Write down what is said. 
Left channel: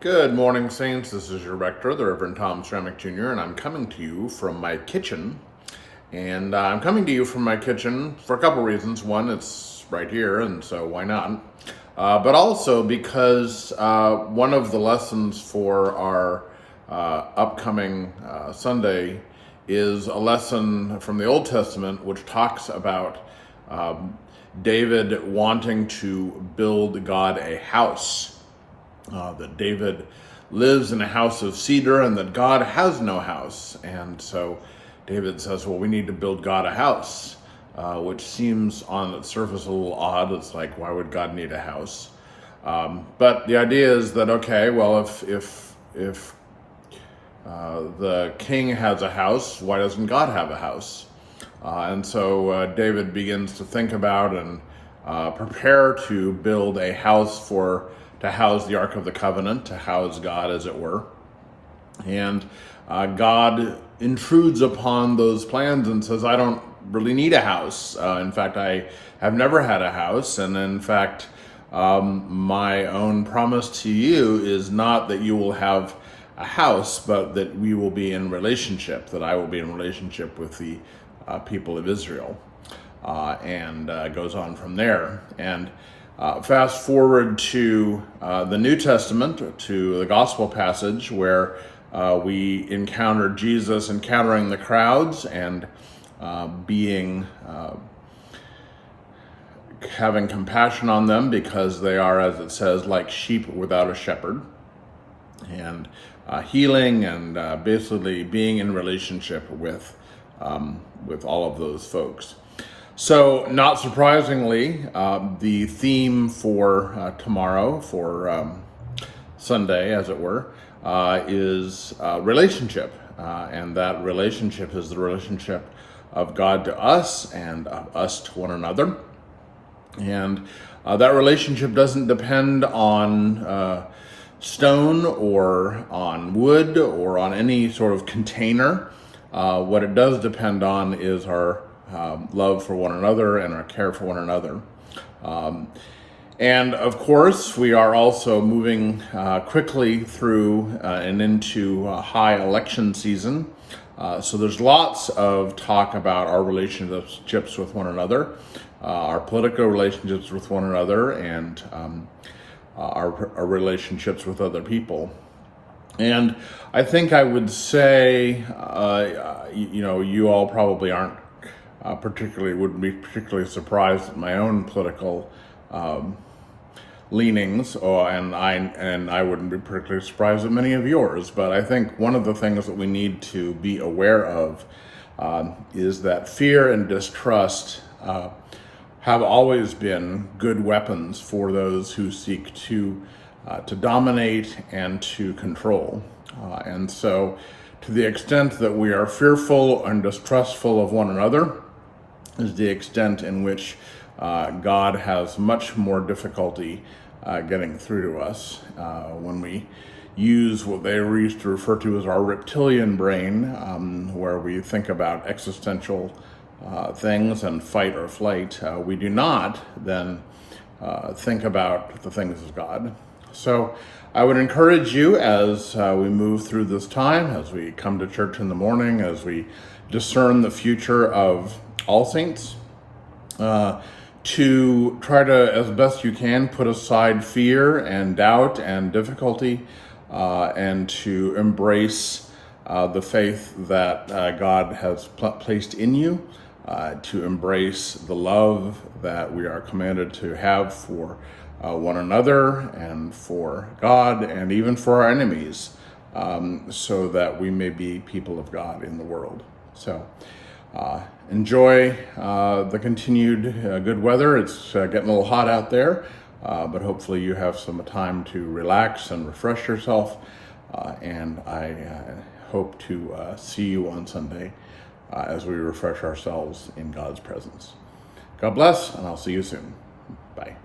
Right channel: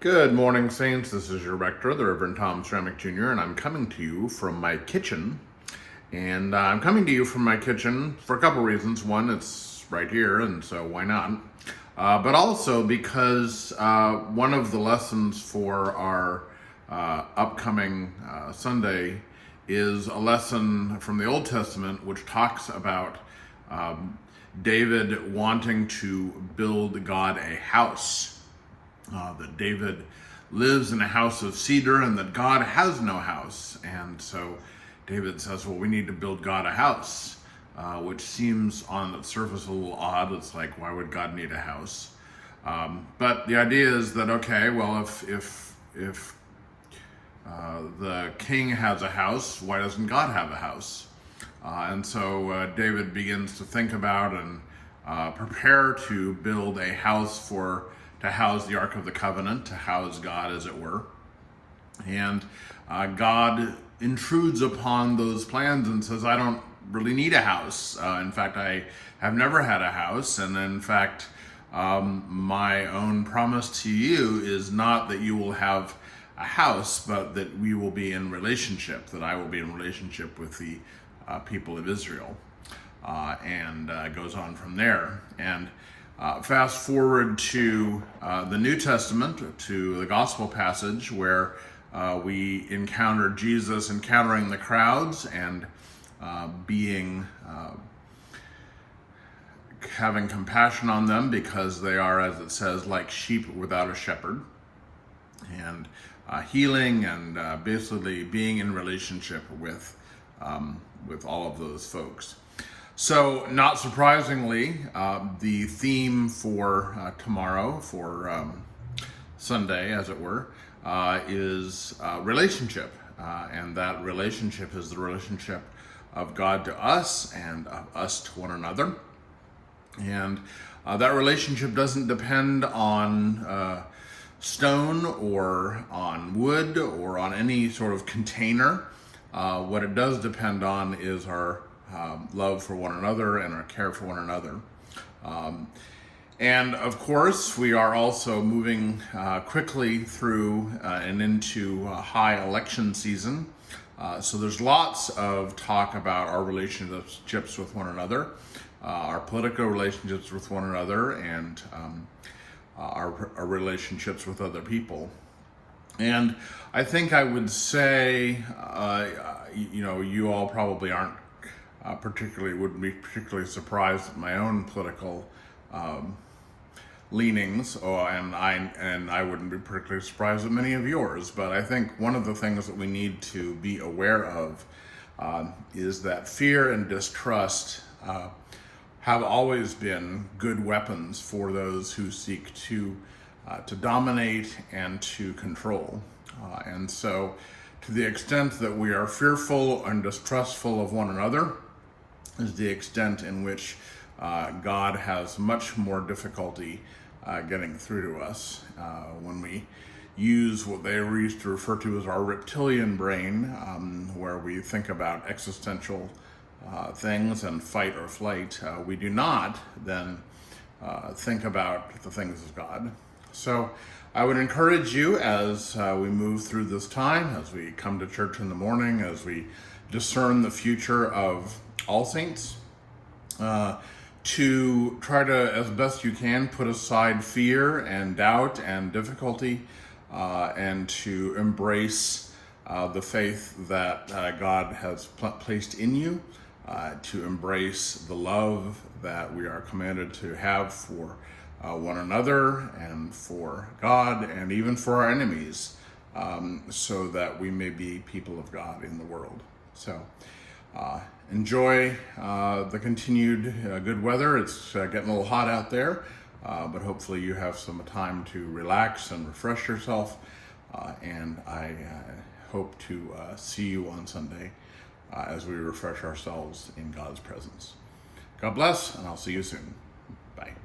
Good morning, Saints. This is your rector, the Reverend Tom Stramick Jr., and I'm coming to you from my kitchen. And I'm coming to you from my kitchen for a couple reasons. One, it's right here, and so why not? But also because one of the lessons for our upcoming Sunday is a lesson from the Old Testament which talks about David wanting to build God a house. That David lives in a house of cedar and that God has no house. And so David says, well, we need to build God a house, which seems on its surface a little odd. It's like, why would God need a house? But the idea is that, okay, well, if the king has a house, why doesn't God have a house? And so David begins to think about and prepare to build a house to house the Ark of the Covenant, to house God, as it were. And God intrudes upon those plans and says, I don't really need a house. In fact, I have never had a house. And in fact, my own promise to you is not that you will have a house, but that we will be in relationship, that I will be in relationship with the people of Israel. And goes on from there. And fast forward to the New Testament, to the gospel passage where we encounter Jesus encountering the crowds and having compassion on them because they are, as it says, like sheep without a shepherd, and healing and basically being in relationship with all of those folks. So, not surprisingly, the theme for tomorrow, for Sunday, as it were, is relationship. And that relationship is the relationship of God to us and of us to one another. And that relationship doesn't depend on stone or on wood or on any sort of container. What it does depend on is our love for one another and our care for one another. And of course, we are also moving quickly through and into high election season. So there's lots of talk about our relationships with one another, our political relationships with one another, and our relationships with other people. And I think I would say, you all probably aren't wouldn't be particularly surprised at my own political leanings, and I wouldn't be particularly surprised at many of yours. But I think one of the things that we need to be aware of is that fear and distrust have always been good weapons for those who seek to dominate and to control. And so, to the extent that we are fearful and distrustful of one another, is the extent in which God has much more difficulty getting through to us when we use what they used to refer to as our reptilian brain, where we think about existential things and fight or flight. We do not then think about the things of God. So I would encourage you as we move through this time, as we come to church in the morning, as we discern the future of all saints, to try to, as best you can, put aside fear and doubt and difficulty, and to embrace the faith that God has placed in you, to embrace the love that we are commanded to have for one another and for God and even for our enemies, so that we may be people of God in the world. So enjoy the continued good weather. It's getting a little hot out there, but hopefully you have some time to relax and refresh yourself. And I hope to see you on Sunday as we refresh ourselves in God's presence. God bless, and I'll see you soon. Bye.